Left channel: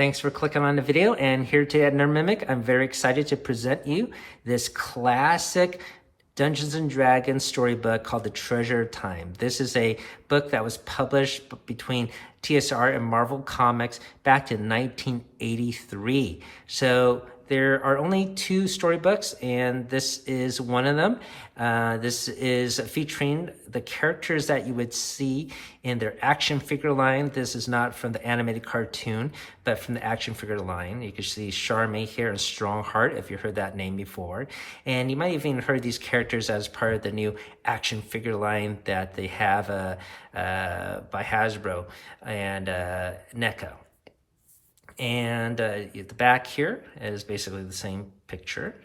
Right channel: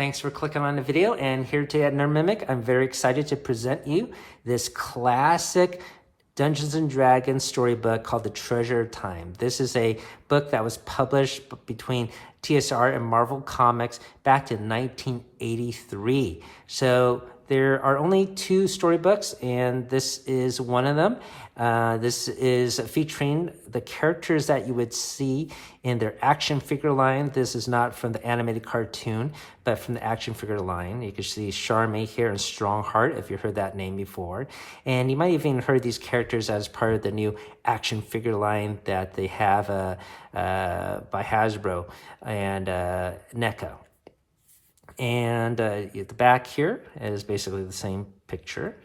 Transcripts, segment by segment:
Thanks for clicking on the video, and here today at Nerd Mimic, I'm very excited to present you this classic Dungeons & Dragons storybook called The Treasure of Time. This is a book that was published between TSR and Marvel Comics back in 1983. So there are only 2 storybooks, and this is one of them. This is featuring the characters that you would see in their action figure line. This is not from the animated cartoon, but from the action figure line. You can see Charmaine here and Strongheart, if you heard that name before. And you might even heard these characters as part of the new action figure line that they have by Hasbro and NECA. And at the back here is basically the same picture.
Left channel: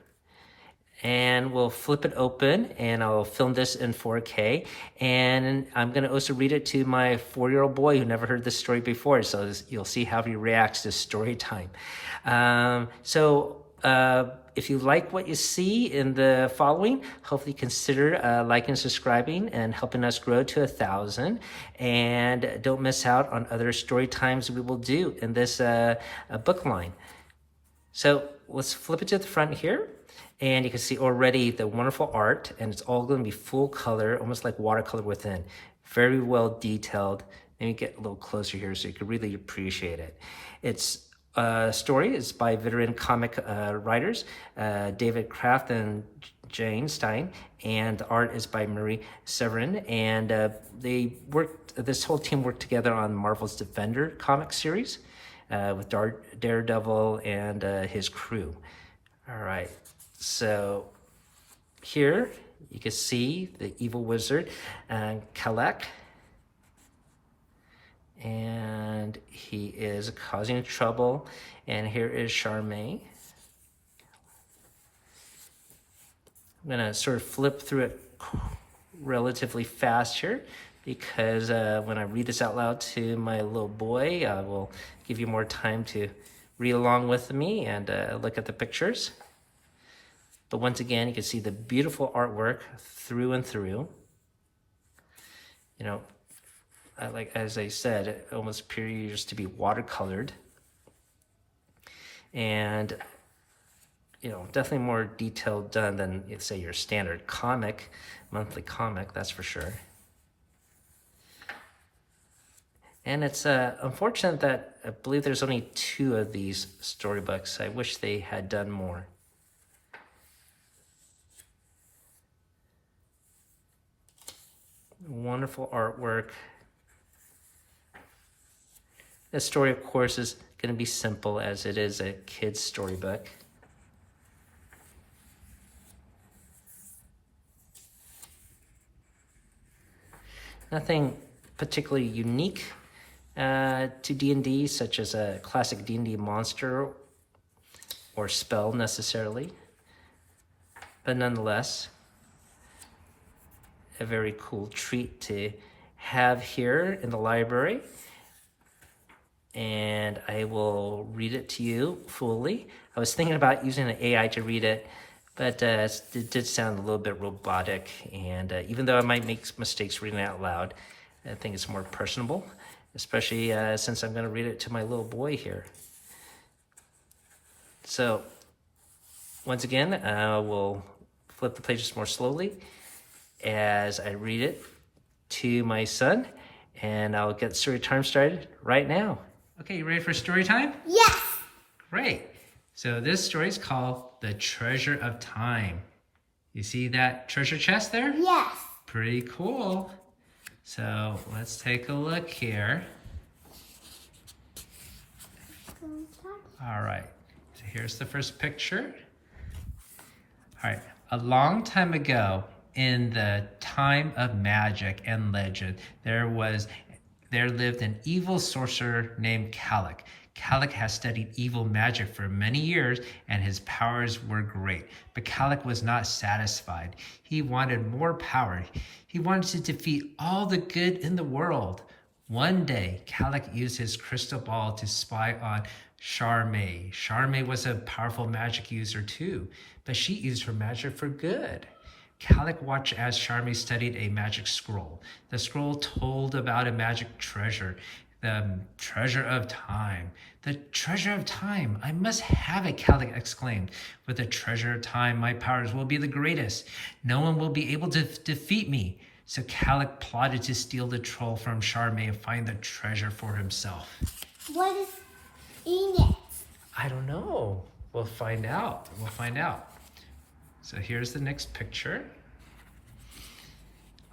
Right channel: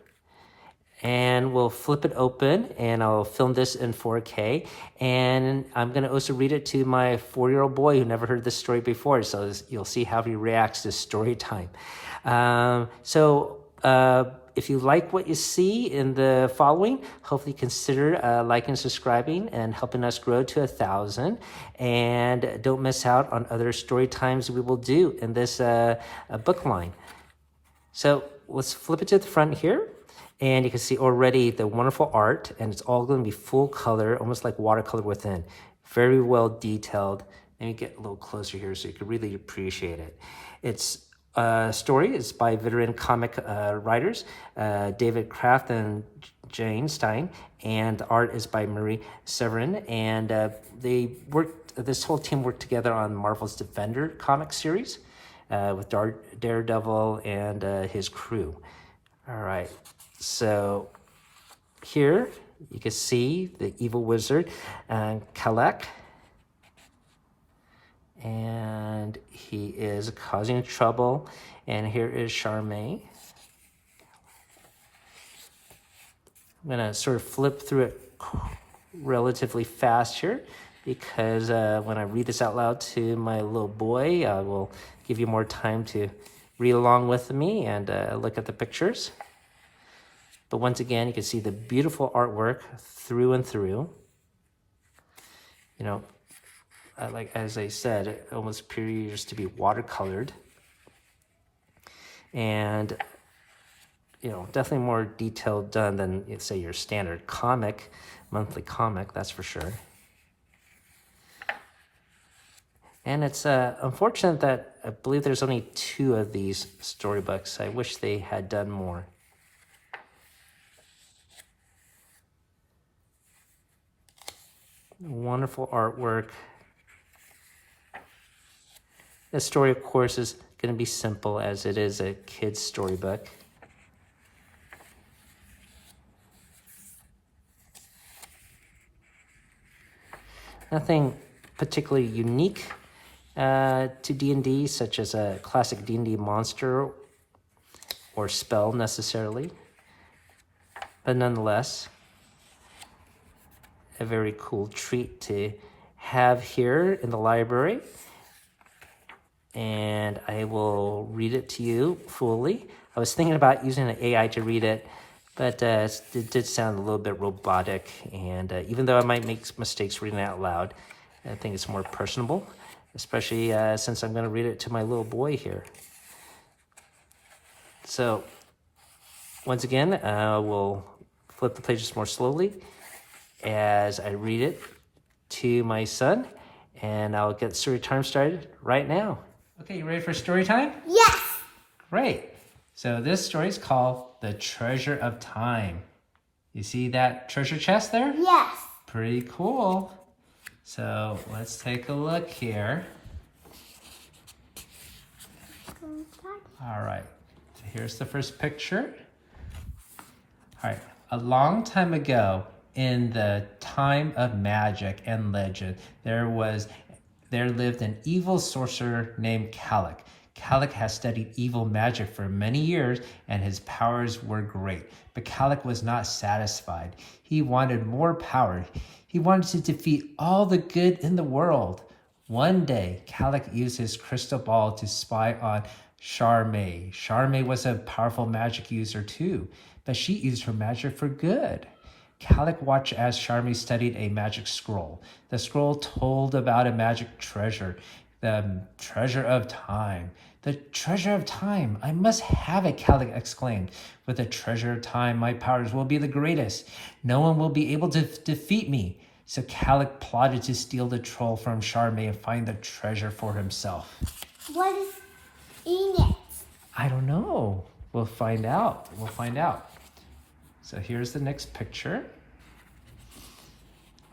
And we'll flip it open, and I'll film this in 4K. And I'm going to also read it to my 4-year-old boy who never heard this story before. So you'll see how he reacts to story time. If you like what you see in the following, hopefully consider liking and subscribing and helping us grow to 1,000. And don't miss out on other story times we will do in this book line. So let's flip it to the front here. And you can see already the wonderful art, and it's all going to be full color, almost like watercolor within. Very well detailed. Let me get a little closer here so you can really appreciate it. It's story is by veteran comic writers David Kraft and Jane Stein, and the art is by Marie Severin. And this whole team worked together on Marvel's Defender comic series with Daredevil and his crew. All right, so here you can see the evil wizard Kalek. And he is causing trouble. And here is Charmaine. I'm going to sort of flip through it relatively fast here, because when I read this out loud to my little boy, I will give you more time to read along with me and look at the pictures. But once again, you can see the beautiful artwork through and through. You know, as I said, it almost appears to be watercolored. And, you know, definitely more detailed done than, say, your standard monthly comic, that's for sure. And it's unfortunate that I believe there's only 2 of these storybooks. I wish they had done more. Wonderful artwork. The story, of course, is going to be simple, as it is a kid's storybook. Nothing particularly unique to D&D, such as a classic D&D monster or spell necessarily, but nonetheless, a very cool treat to have here in the library. And I will read it to you fully. I was thinking about using an AI to read it, but it did sound a little bit robotic. And even though I might make mistakes reading it out loud, I think it's more personable, especially since I'm going to read it to my little boy here. So once again, we'll flip the pages more slowly as I read it to my son, and I'll get story time started right now. Okay, you ready for story time? Yes. Great. So this story is called The Treasure of Time. You see that treasure chest there? Yes. Pretty cool. So let's take a look here. All right, so here's the first picture. All right, a long time ago, in the time of magic and legend, there lived an evil sorcerer named Kalek. Kalek has studied evil magic for many years, and his powers were great. But Kalek was not satisfied. He wanted more power. He wanted to defeat all the good in the world. One day, Kalek used his crystal ball to spy on Charmaine. Charmaine was a powerful magic user too, but she used her magic for good. Kalek watched as Charmaine studied a magic scroll. The scroll told about a magic treasure The treasure of time. The treasure of time. I must have it, Calec exclaimed. With the treasure of time, my powers will be the greatest. No one will be able to defeat me. So Calec plotted to steal the troll from Charme and find the treasure for himself. What is in it? I don't know. We'll find out. We'll find out. So here's the next picture.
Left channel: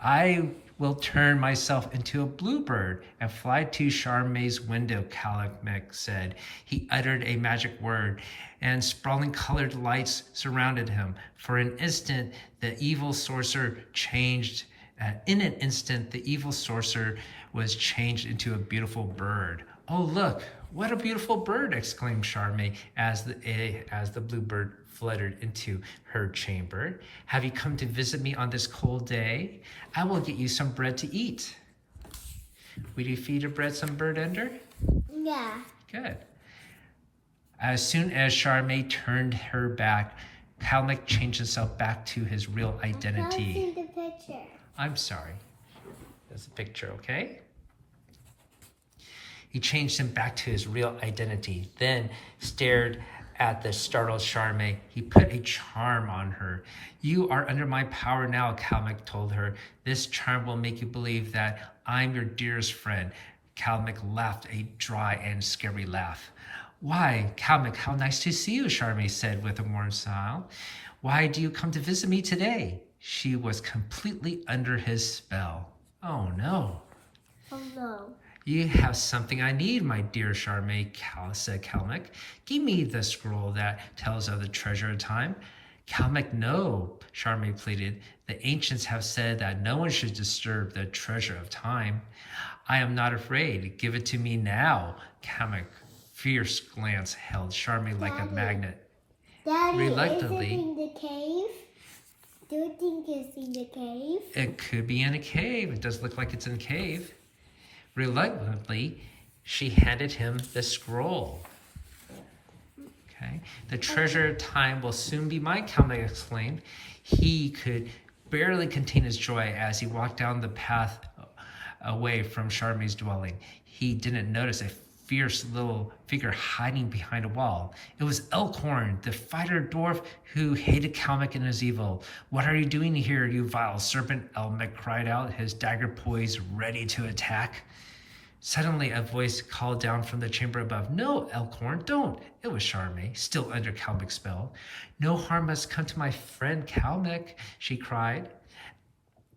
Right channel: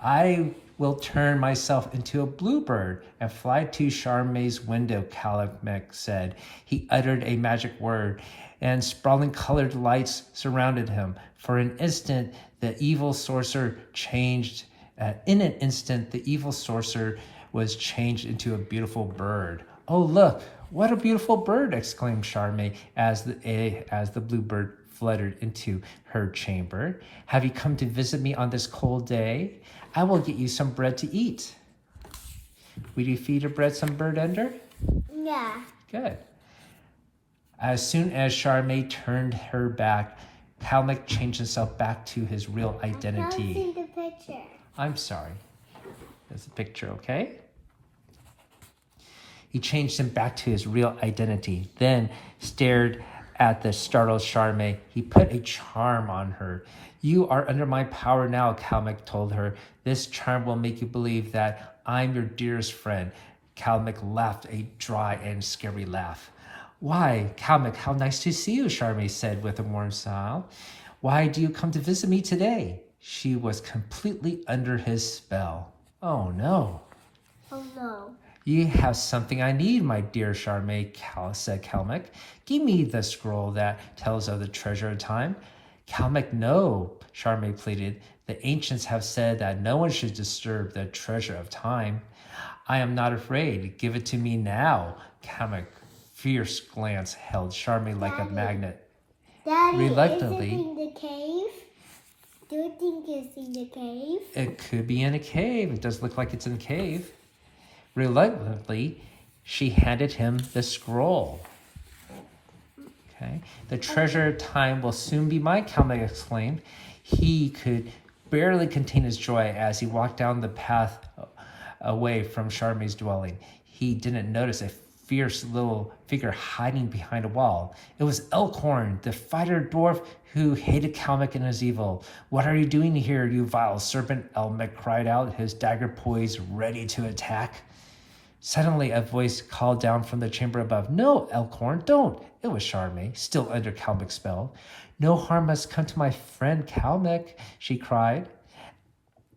I will turn myself into a bluebird and fly to Charme's window, Calec said. He uttered a magic word, and sprawling colored lights surrounded him. For an instant, the evil sorcerer changed. In an instant, the evil sorcerer was changed into a beautiful bird. Oh, look, what a beautiful bird, exclaimed Charme as the bluebird fluttered into her chamber. Have you come to visit me on this cold day? I will get you some bread to eat. Will you feed your bread some bird ender? Yeah. Good. As soon as Charme turned her back, Calec changed himself back to his real identity. I can't see the picture. I'm sorry. There's a picture, okay? He changed him back to his real identity, then stared at the startled Charme. He put a charm on her. You are under my power now, Calec told her. This charm will make you believe that I'm your dearest friend. Calec laughed a dry and scary laugh. Why, Calec, how nice to see you, Charme said with a warm smile. Why do you come to visit me today? She was completely under his spell. Oh, no. Oh, no. You have something I need, my dear Charme, said Calec. Give me the scroll that tells of the treasure of time. Calec, no, Charme pleaded. The ancients have said that no one should disturb the treasure of time. I am not afraid. Give it to me now. Calec's fierce glance held Charme like a magnet. Daddy, Reluctantly, is it in the cave? Do you think it's in the cave? It could be in a cave. It does look like it's in a cave. Reluctantly, she handed him the scroll. Okay. The treasure of time will soon be mine, Calec exclaimed. He could barely contain his joy as he walked down the path away from Charme's dwelling. He didn't notice a fierce little figure hiding behind a wall. It was Elkhorn, the fighter dwarf who hated Calec and his evil. What are you doing here, you vile serpent? Elmec cried out, his dagger poised, ready to attack. Suddenly, a voice called down from the chamber above. No, Elkhorn, don't. It was Charme, still under Calec's spell. No harm must come to my friend Calec, she cried.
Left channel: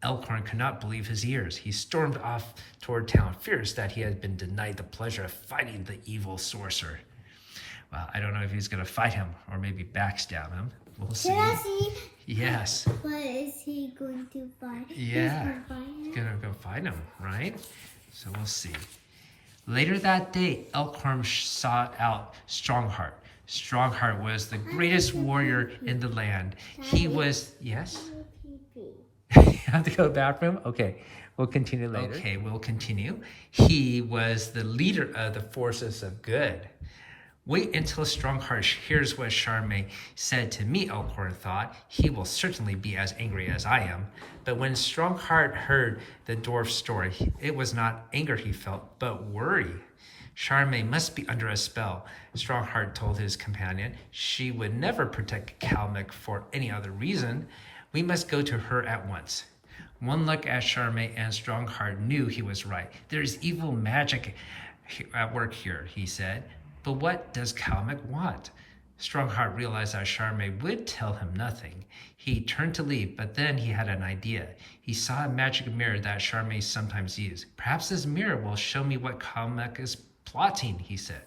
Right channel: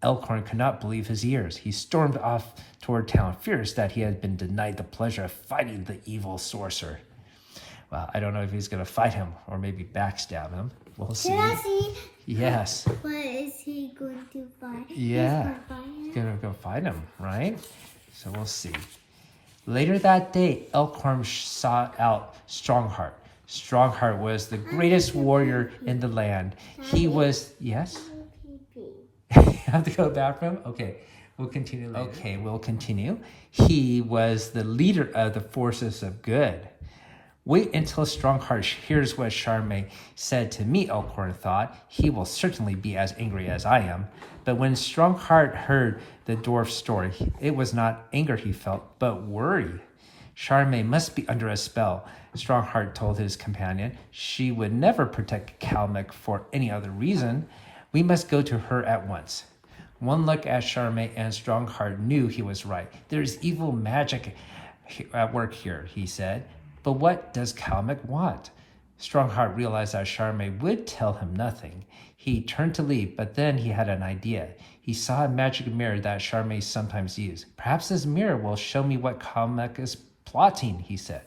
Elkhorn could not believe his ears. He stormed off toward town, furious that he had been denied the pleasure of fighting the evil sorcerer. Well, I don't know if he's going to fight him or maybe backstab him. We'll see. Can I see? Yes. What is he going to fight? Yeah. He's going to go fight him, right? So we'll see. Later that day, Elkhorn sought out Strongheart. Strongheart was the greatest warrior in the land. He was, yes? You have to go to the bathroom? Okay, we'll continue later. Okay, we'll continue. He was the leader of the forces of good. Wait until Strongheart hears what Charme said to me, Elkhorn thought. He will certainly be as angry as I am. But when Strongheart heard the dwarf's story, it was not anger he felt, but worry. Charme must be under a spell, Strongheart told his companion. She would never protect Calec for any other reason. We must go to her at once. One look at Charme and Strongheart knew he was right. There is evil magic at work here, he said. But what does Calec want? Strongheart realized that Charme would tell him nothing. He turned to leave, but then he had an idea. He saw a magic mirror that Charme sometimes used. Perhaps this mirror will show me what Calec is plotting, he said.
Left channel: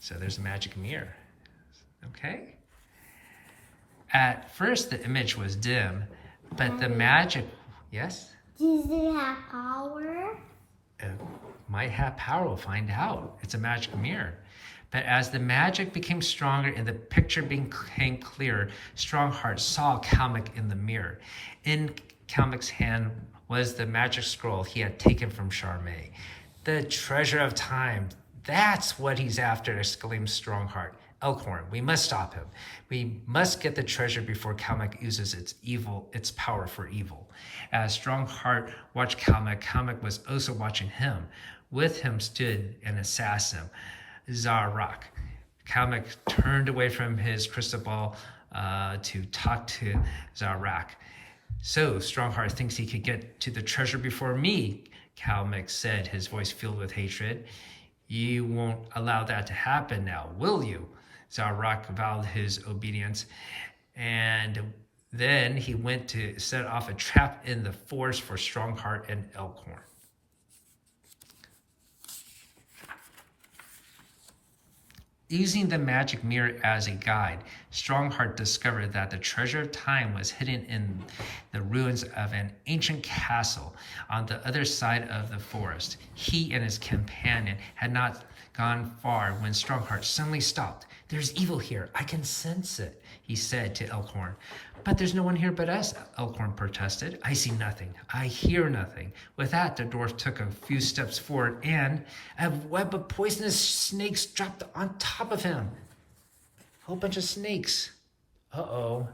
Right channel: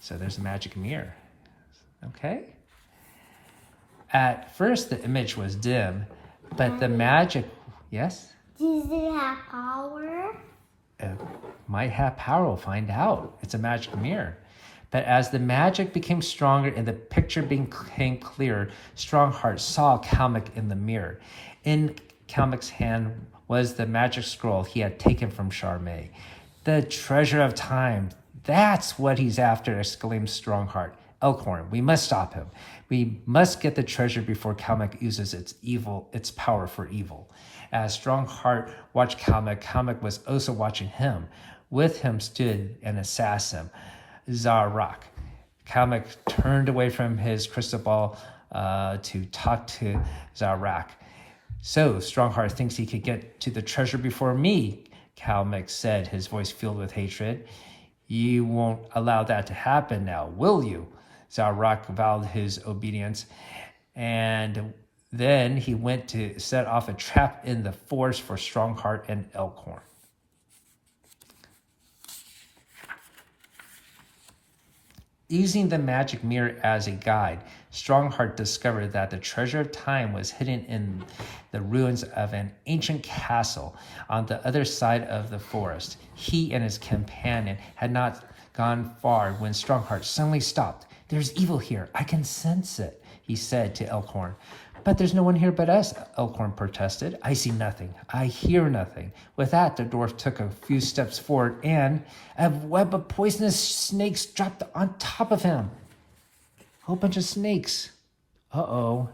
So there's a magic mirror. Okay? At first, the image was dim, but the magic... Yes? Does it have power? Might have power. We'll find out. It's a magic mirror. But as the magic became stronger and the picture became clearer, Strongheart saw Calec in the mirror. In Calec's hand was the magic scroll he had taken from Charme. The treasure of time. That's what he's after, exclaimed Strongheart. Elkhorn, we must stop him. We must get the treasure before Calec uses its power for evil. As Strongheart watched Kalmek, Kalmek was also watching him. With him stood an assassin, Zarak. Kalmek turned away from his crystal ball to talk to Zarak. So Strongheart thinks he could get to the treasure before me, Kalmek said, his voice filled with hatred. You won't allow that to happen now, will you? Zarak vowed his obedience, and then he went to set off a trap in the forest for Strongheart and Elkhorn. Using the magic mirror as a guide, Strongheart discovered that the treasure of time was hidden in the ruins of an ancient castle on the other side of the forest. He and his companion had not gone far when Strongheart suddenly stopped. There's evil here. I can sense it, he said to Elkhorn. But there's no one here but us, Elkhorn protested. I see nothing. I hear nothing. With that, the dwarf took a few steps forward and a web of poisonous snakes dropped on top of him. A whole bunch of snakes. Uh-oh.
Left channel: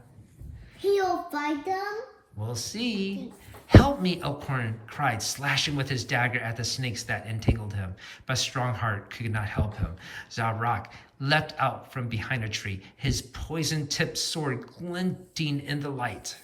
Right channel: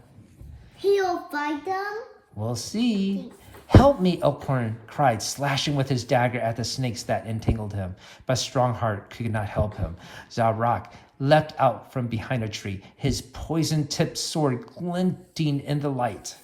He'll fight them? We'll see. Help me, Elkhorn cried, slashing with his dagger at the snakes that entangled him. But Strongheart could not help him. Zarak leapt out from behind a tree, his poison-tipped sword glinting in the light.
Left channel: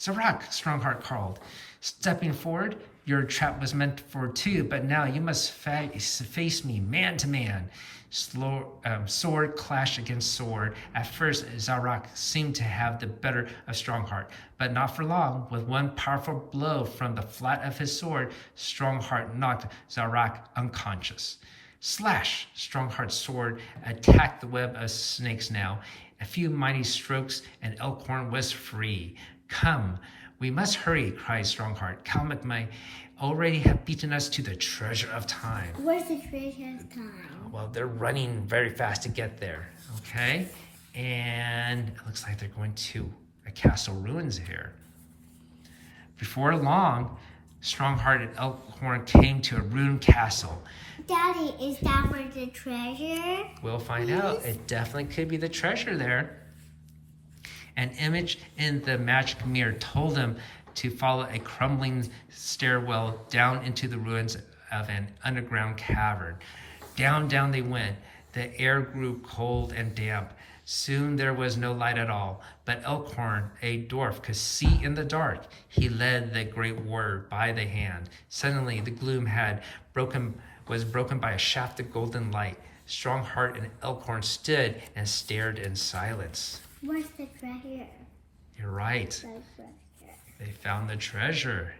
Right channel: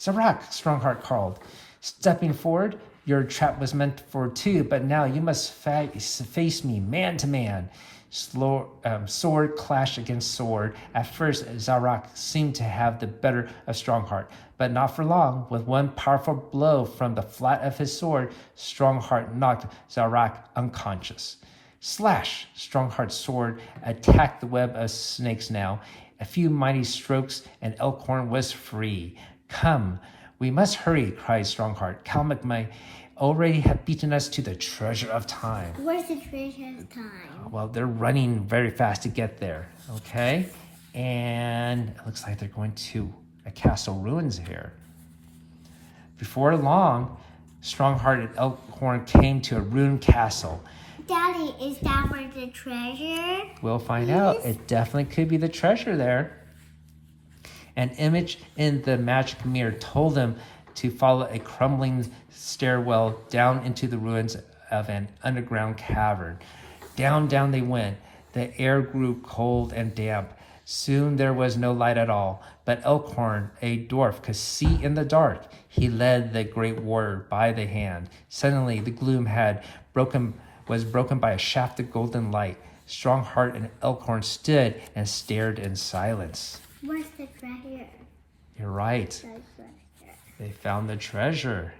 Zarak, Strongheart called. Stepping forward, your trap was meant for two, but now you must face me man to man. Sword clashed against sword. At first, Zarak seemed to have the better of Strongheart, but not for long. With one powerful blow from the flat of his sword, Strongheart knocked Zarak unconscious. Slash! Strongheart's sword attacked the web of snakes now. A few mighty strokes and Elkhorn was free. Come, we must hurry, cried Strongheart. Kalmek may already have beaten us to the treasure of time. Where's the treasure of time? Well, they're running very fast to get there, okay? And it looks like they're going to a castle ruins here. Before long, Strongheart and Elkhorn came to a ruined castle. Daddy, is that where the treasure? We'll find out. It definitely could be the treasure there. An image in the magic mirror told them to follow a crumbling stairwell down into the ruins of an underground cavern. Down they went. The air grew cold and damp. Soon there was no light at all, but Elkhorn, a dwarf, could see in the dark. He led the great warrior by the hand. Suddenly the gloom was broken by a shaft of golden light. Strongheart and Elkhorn stood and stared in silence. Where's the treasure? You're right. The treasure. They found the treasure.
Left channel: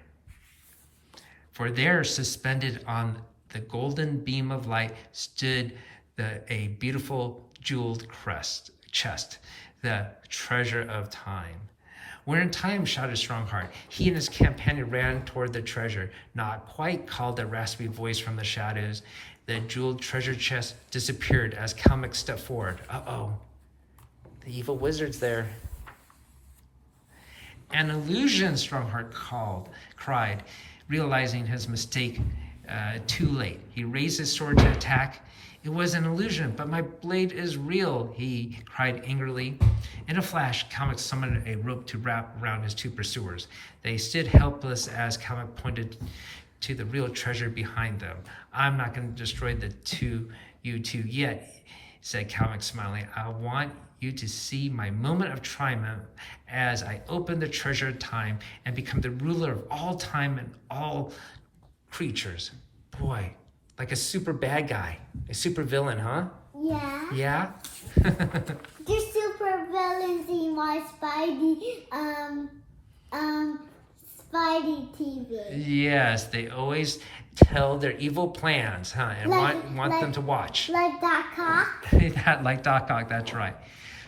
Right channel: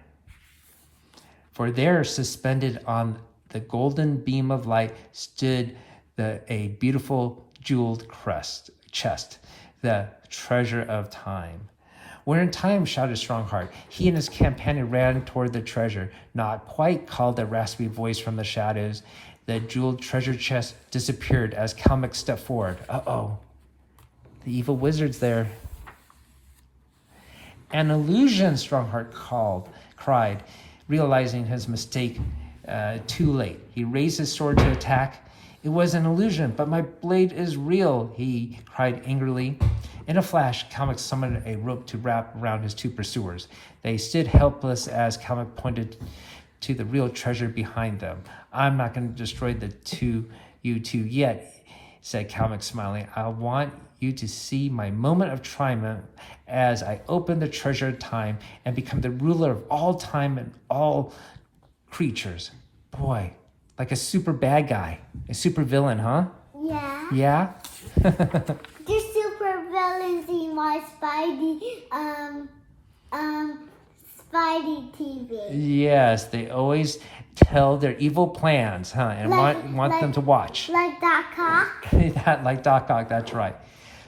For there, suspended on the golden beam of light, stood a beautiful jeweled chest, the treasure of time. We're in time, shouted Strongheart. He and his companion ran toward the treasure. Not quite, called a raspy voice from the shadows. The jeweled treasure chest disappeared as Kalmek stepped forward. Uh-oh. The evil wizard's there. An illusion, Strongheart cried, realizing his mistake too late. He raised his sword to attack. It was an illusion, but my blade is real, he cried angrily. In a flash, Kalmek summoned a rope to wrap around his two pursuers. They stood helpless as Kalmek pointed to the real treasure behind them. I'm not going to destroy you two yet, said Kalmek, smiling. I want you to see my moment of triumph as I open the treasure of time and become the ruler of all time and all creatures. Boy, like a super bad guy, a super villain, huh? Yeah. Yeah? The super villains in my Spidey TV. Yes, they always tell their evil plans, huh? And want them to watch. Like that cock? Like Doc Ock, that's right.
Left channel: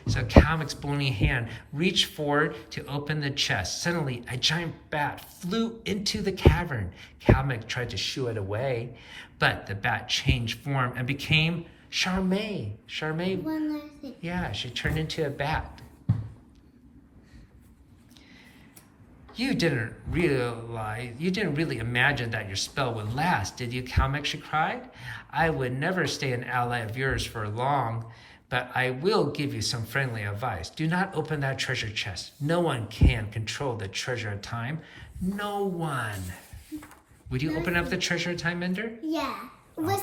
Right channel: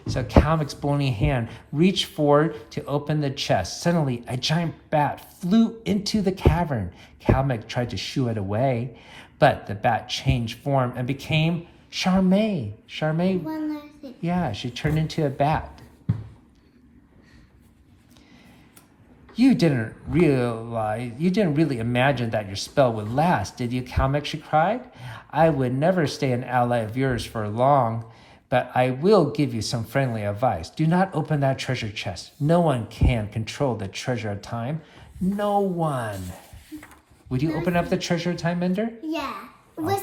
So Kalmek's bony hand reached forward to open the chest. Suddenly, a giant bat flew into the cavern. Kalmek tried to shoo it away, but the bat changed form and became Charmaine. Yeah, she turned into a bat. You didn't really imagine that your spell would last, did you, Kalmek? She cried. I would never stay an ally of yours for long, But I will give you some friendly advice. Do not open that treasure chest. No one can control the treasure of time. No one. Would you open up the treasure of time, Ender? Yeah. With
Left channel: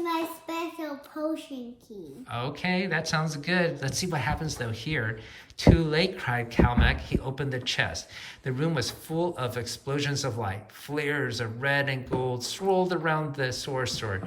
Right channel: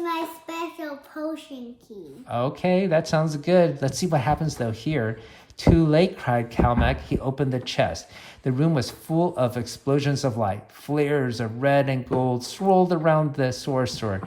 my special potion key. Okay, that sounds good. Let's see what happens though here. Too late, cried Calmac. He opened the chest. The room was full of explosions of light. Flares of red and gold swirled around the sorcerer.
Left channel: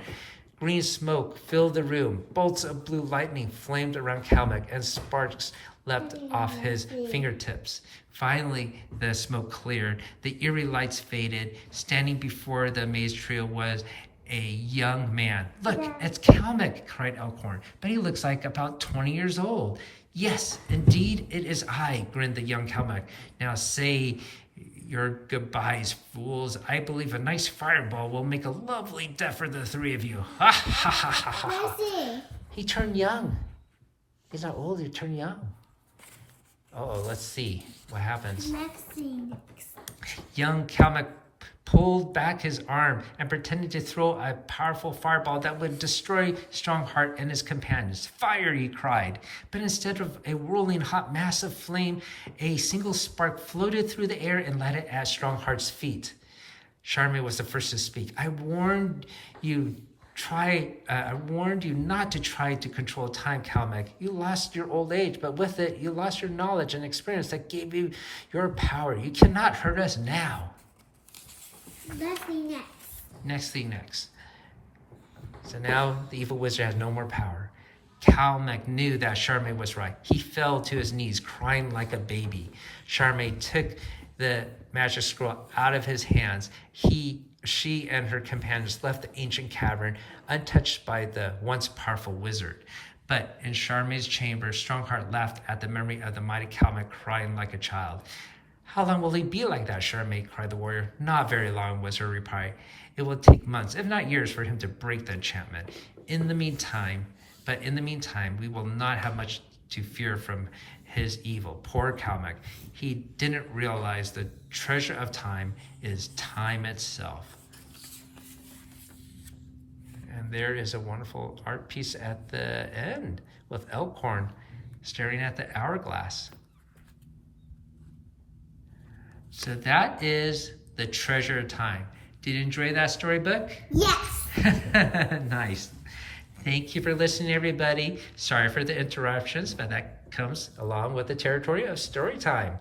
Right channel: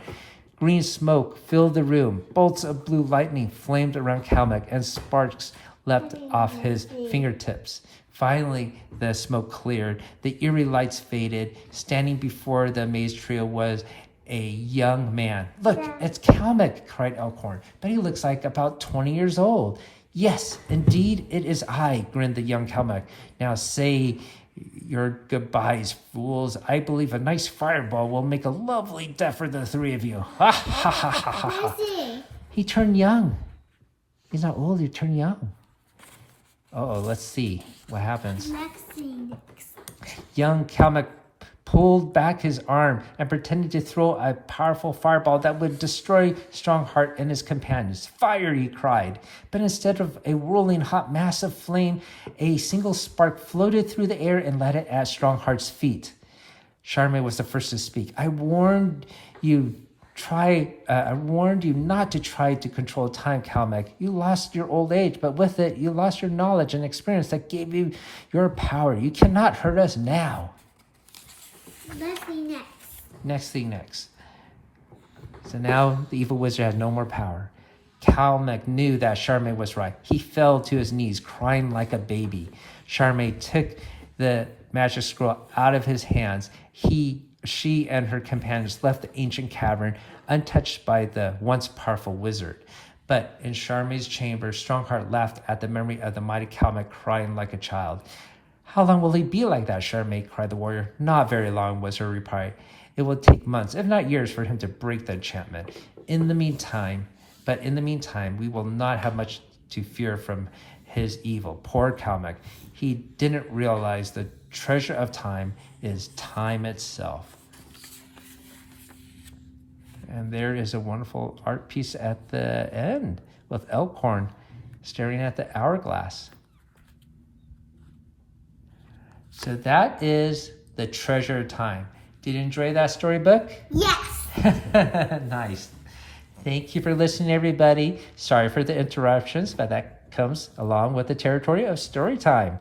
Green smoke filled the room. Bolts of blue lightning flamed around Calmac, and sparks leapt off his fingertips. Finally, the smoke cleared. The eerie lights faded. Standing before the amazed trio was a young man. Look, it's Calmac, cried Elkhorn, but he looks like about 20 years old. Yes, indeed, it is I, grinned the young Calmac. Now say your goodbyes, fools. I believe a nice fireball will make a lovely death for the three of you. Ha ha ha ha ha. Messi. He turned young. He's not old, he turned young. Uh-oh, let's see what happens. Next. Young Calmac pulled back his arm and pretended to throw a powerful fireball that would destroy Strongheart and his companions. Fire, he cried. But instead of a whirling hot mass of flame, a single spark floated through the air and landed at Strongheart's feet. Charme was the first to speak. I warned you not to try to control time, Calmac. You lost your old age, but with it, you lost your knowledge and experience that gave you your power. You cannot hurt us now. Next thing next. So now the evil wizard has no more power. Calmac knew that Charme was right. He fell to his knees, crying like a baby. Charme took the magic scroll out of his hands. She and her companions left the ancient cavern untouched by the once powerful wizard. But in Charme's chamber, Strongheart laughed at the memory of the mighty Calmac, crying like a child. How long will he be like that, Charme? Cried the warrior. Not very long, was her reply. It will take months, if not years, for him to break the enchantment. In the meantime, we will not have much to fear from his evil. Poor Calmac. He didn't realize the treasure of time is time itself. And there is a wonderful art piece at the end with Elkhorn staring at the hourglass. So that is the treasure of time. Did you enjoy that storybook? Yes. Nice. Thank you for listening, everybody. Sorry for the interruptions, but that comes along with the territory of story time.